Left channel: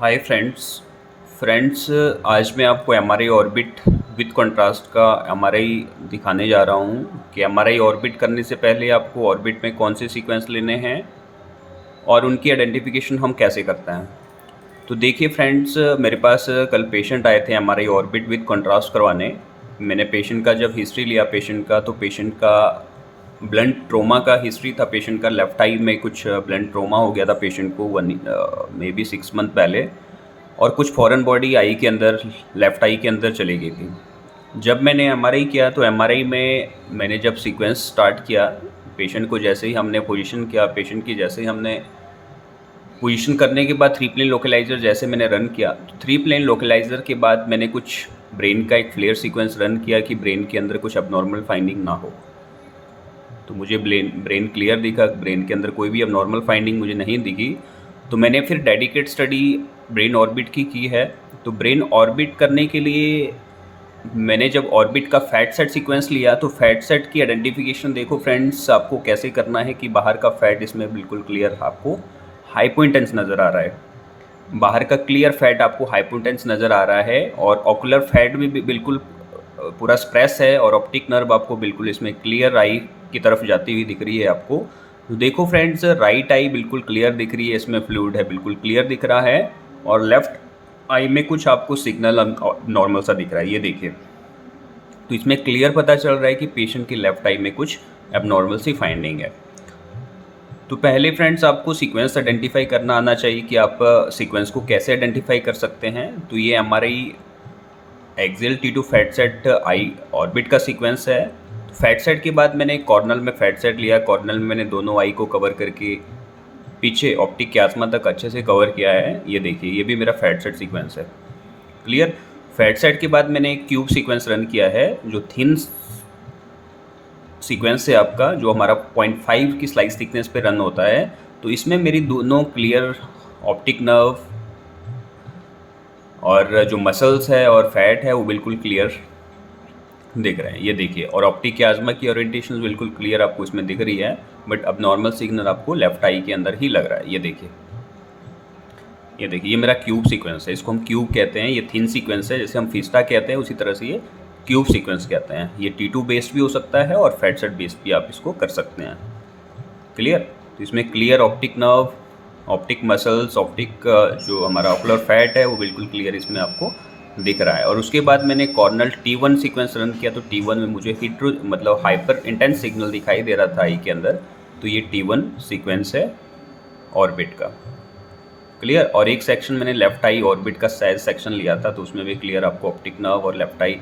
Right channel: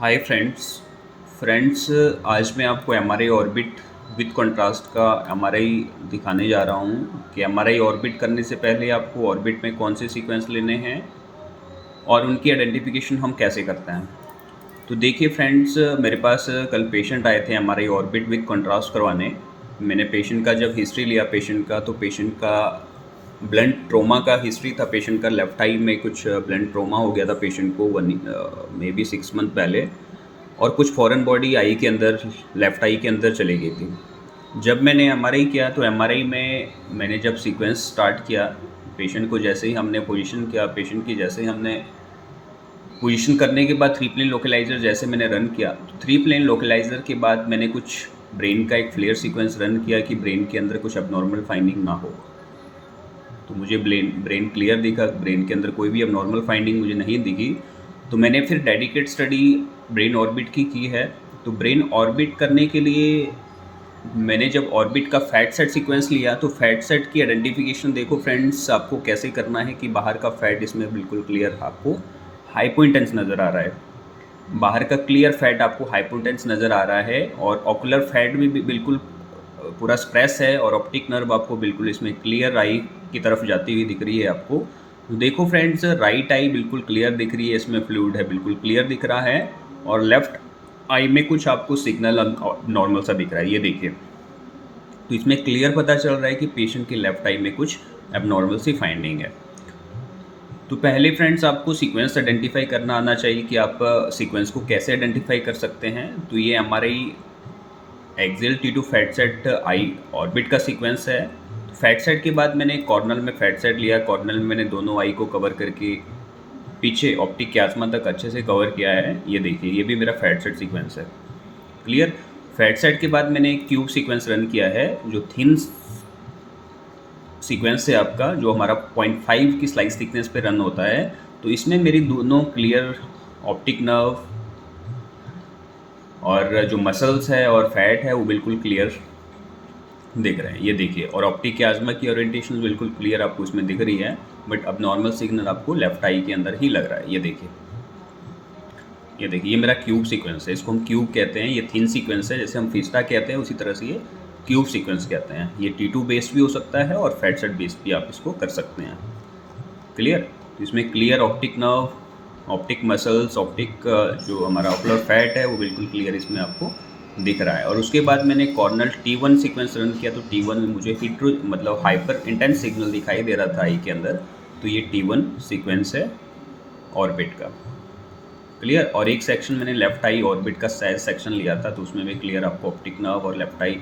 Hi friends आज मैं आपको एमआरआई ऑर्बिट विद कंट्रास्ट का एमआरआई दिखाने जा रहा हूँ कि एमआरआई ऑर्बिट करने से पहले आपको ऑर्बिट में कौन से सीक्वेंस लेने हैं और उनकी आइडेंटिफिकेशन हम कैसे करते हैं। तो देखिए फ्रेंड्स, मेरे पास कल पेशेंट आए थे एमआरआई ऑर्बिट विद कंट्रास्ट करवाने। मैंने पेशेंट का जब हिस्ट्री लिया पेशेंट का, तो पेशेंट का ब्लंट ट्रोमा का हिस्ट्री था। पेशेंट का लेफ़्ट आई में कुछ ब्लंट ट्रोमा हो गया था पेशेंट को मे बी 6 मंथ पहले, और कुछ फॉरेन बॉडी आई के अंदर, लेफ़्ट आई के अंदर चली गई थी। जब मैंने एमआरआई किया तो एमआरआई में मैंने जब सीक्वेंस स्टार्ट किया, पेशेंट को जैसे ही हमने पोजीशन किया, पेशेंट की जैसे ही हमने पोजीशन करने के बाद 3 प्लेन लोकलाइज़र जैसे मैंने रन किया, तो 3 प्लेन लोकलाइज़र के बाद मैंने कुछ ब्रेन का एक फ्लेयर सीक्वेंस रन किया कि ब्रेन के अंदर कुछ अबनॉर्मल फाइंडिंग ना हो। तो मुझे ब्रेन क्लियर दिखा, ब्रेन के अंदर कोई भी अबनॉर्मल फाइंडिंग मुझे नहीं दिखी। तो मैंने फिर डेडिकेट स्टडी ब्रेन ऑर्बिट की है। तो ब्रेन ऑर्बिट करने के लिए मैंने जब ऑर्बिट का फैट सेट सीक्वेंस लिया, तो फैट सेट की आइडेंटिफिकेशन देखो फ्रेंड्स, आपको कैसे करना है कि बाहर का फैट इसमें बिल्कुल क्लियर आपको हाइपोइंटेंस नज़र आ रहा है। बाहर का क्लियर फैट आपको हाइपोइंटेंस नज़र आ रहा है, और ऑकुलर फैट भी बिल्कुल पूरा स्प्रेस है, और ऑप्टिक नर्व आपको बिल्कुल इसमें क्लियर आई की तरफ जाती हुई दिख रही है आपको। तो देखो फ्रेंड्स, राइट आई बिल्कुल क्लियर दिख रही है, इसमें फ्लूइड है बिल्कुल क्लियर दिख रहा है, और लेफ़्ट आई में कुछ आपको सिग्नल नॉर्मल सा दिख रहा है, ये देखिए। तो इसमें क्लियर पता चल रहा है कि पेशेंट की लेफ़्ट आई में कुछ एबनॉर्मल सी फाइंडिंग है। तो पहले फ्रेंड्स आपको सीक्वेंस आइडेंटिफाई करना आना चाहिए कि आप सीक्वेंस को कैसे आइडेंटिफाई कर सकते हैं। तो ये MRI axial T2 fat set आई ऑर्बिट का सीक्वेंस है। फैट सेट के बाद मैंने कॉर्नल में फैट सेट लिया, कॉर्नल में मैंने दोनों आई को कवर करके पीछे ऑप्टिक क्यास्मा तक अच्छे से कवर किया है। ये देखिए, ये भी मेरा फैट सेट सीक्वेंस है। क्लियर। फैट सेट के बाद मैंने एक क्यूब सीक्वेंस रन किया है, जो थिन सीक्वेंस है आपका, जो हमारा 0.5 की स्लाइस थिकनेस पे रन होता है। तो इसमें मेरी दोनों क्लियर ऑप्टिक नर्व और जो मसल्स है और फैट है वो बिल्कुल क्लियर दिख रहे हैं, ये देखिए। और ऑप्टिक क्यास्मा की ओरिएंटेशन बिल्कुल क्लियर आपको इसमें दिख रही है, बट अब नॉर्मल सिग्नल आपको लेफ्ट आई के अंदर ही लग रहा है, ये देखिए। ये देखिए, ये मेरा क्यूब सीक्वेंस है, इसको हम क्यूब कहते हैं। ये थिन सीक्वेंस है, जैसे हम फिस्टा कहते हैं उसी तरह से ये क्यूब सीक्वेंस कहते हैं। ये T2 बेस्ड भी हो सकता है और फैट सेट बेस्ड भी आप इसको कर सकते हैं। क्लियर। तो इसमें clear optic nerve, optic muscles, optic जो हमारा ऑकुलर फैट है वो बिल्कुल क्लियर इसमें आपको दिख रहा है। और उसके बाद मैंने कॉर्नल T1 सीक्वेंस रन किया, तो T1 में मुझे मतलब हाइपर इंटेंस सिग्नल दिखाई दे रहा था आई के अंदर। तो ये T1 सीक्वेंस है ऑर्बिट का। क्लियर। और एक सेक्शन मैंने लेफ्ट आई ऑर्बिट का साइज सेक्शन लिया था, तो उसमें भी क्लियर आपको ऑप्टिक नर्व और लेफ्ट आई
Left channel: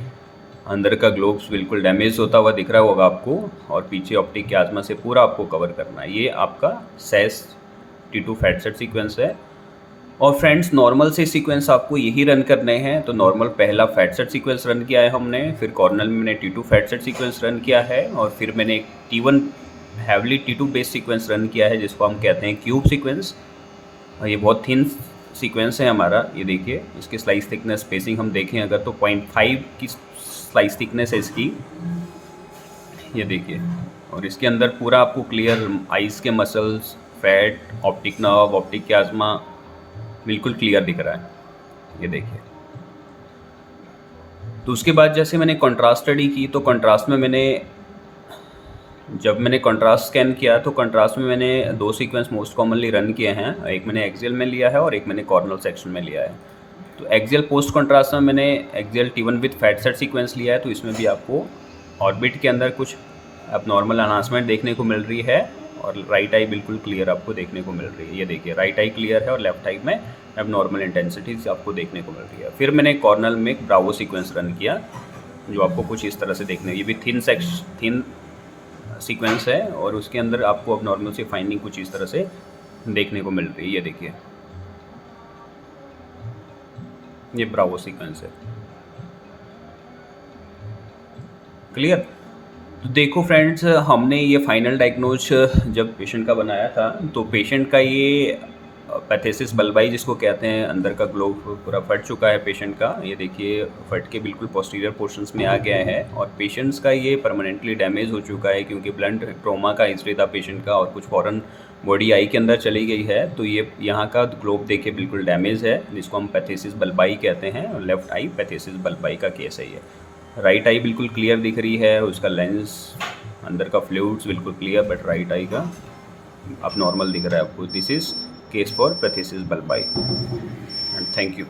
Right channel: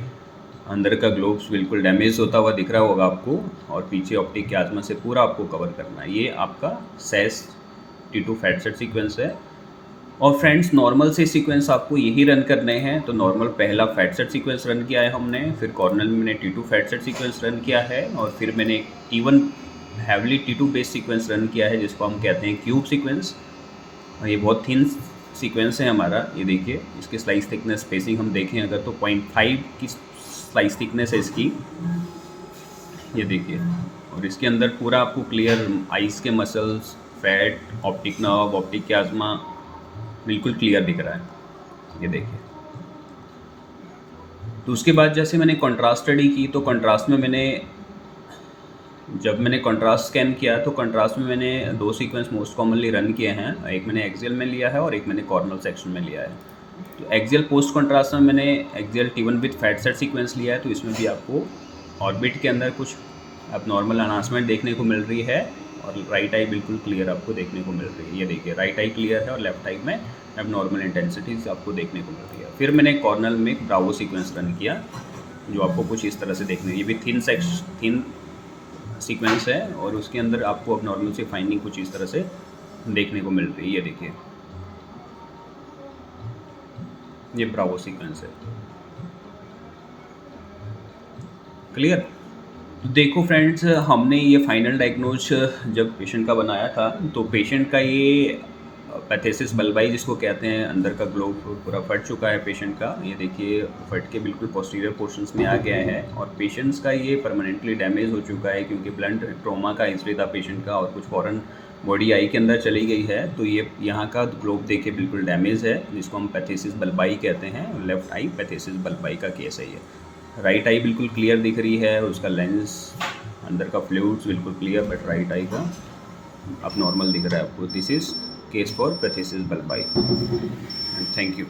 अंदर का ग्लोब्स बिल्कुल डैमेज होता हुआ दिख रहा होगा आपको, और पीछे ऑप्टिक क्यास्मा से पूरा आपको कवर करना है। ये आपका cess T2 fat set sequence है। और फ्रेंड्स, नॉर्मल से सीक्वेंस आपको यही रन करने हैं। तो नॉर्मल पहला फैट सेट सीक्वेंस रन किया है हमने, फिर कॉर्नल में मैंने T2 fat set sequence run किया है, और फिर मैंने एक T1 heavily T2 base sequence run किया है, जिसको हम कहते हैं क्यूब सीक्वेंस। और ये बहुत थिन सीक्वेंस है हमारा, ये देखिए। इसकी स्लाइस थिकनेस स्पेसिंग हम देखें अगर, तो 0.5 की स्लाइस थिकनेस है इसकी, ये देखिए। और इसके अंदर पूरा आपको क्लियर आइज़ के muscles, fat, optic nerve, optic chiasma बिल्कुल क्लियर दिख रहा है, ये देखिए। तो उसके बाद जैसे मैंने कंट्रास्ट स्टडी की, तो कंट्रास्ट में जब मैंने कंट्रास्ट स्कैन किया, तो कंट्रास्ट में मैंने 2 सीक्वेंस मोस्ट कॉमनली रन किए हैं। एक मैंने एक्सियल में लिया है और एक मैंने कॉर्नल सेक्शन में लिया है। तो एक्सियल पोस्ट कंट्रास्ट में मैंने axial T1 with fat set sequence लिया है। तो इसमें भी आपको ऑर्बिट के अंदर कुछ एबनॉर्मल अनाउंसमेंट देखने को मिल रही है, और राइट आई बिल्कुल क्लियर आपको देखने को मिल रही है, ये देखिए। राइट आई क्लियर है और लेफ्ट आई में एबनॉर्मल इंटेंसिटीज आपको देखने को मिल रही है। फिर मैंने कॉर्नल में एक ब्रावो सीक्वेंस रन किया, जो आपको कुछ इस तरह से देखने, ये भी थिन सीक्वेंस है, और उसके अंदर आपको अब नॉर्मल से फाइंडिंग कुछ इस तरह से देखने को मिल रही है, ये देखिए। ये ब्रावो सीक्वेंस है। क्लियर। तो देखो फ्रेंड्स, हमने ये फाइनल डायग्नोज जब पेशेंट का बनाया था, तो पेशेंट का ये पैथेसिस बल्बाई जिसको कहते हैं, अंदर का ग्लोब पूरा फट चुका है पेशेंट का, ये देखिए। फट के बिल्कुल पोस्टीरियर पोर्शंस में आ गया है, और पेशेंट्स का ये परमानेंटली डैमेज हो चुका है, क्योंकि ब्लंट ट्रॉमा का हिस्ट्री था पेशेंट का, और कुछ फॉरेन बॉडी आई के अंदर चली गई है, तो ये यहाँ का ग्लोब देखिए बिल्कुल डैमेज है, जिसको हम पैथेसिस बल्बाई कहते हैं, और लेफ्ट आई पैथेसिस बल्बाई का केस है ये। राइट आई बिल्कुल क्लियर दिख रही है, उसका लेंस अंदर का फ्लूइड्स बिल्कुल क्लियर, बट राइट आई का अब नॉर्मल दिख रहा है आपको। This is case for phthisis bulbi and thank you.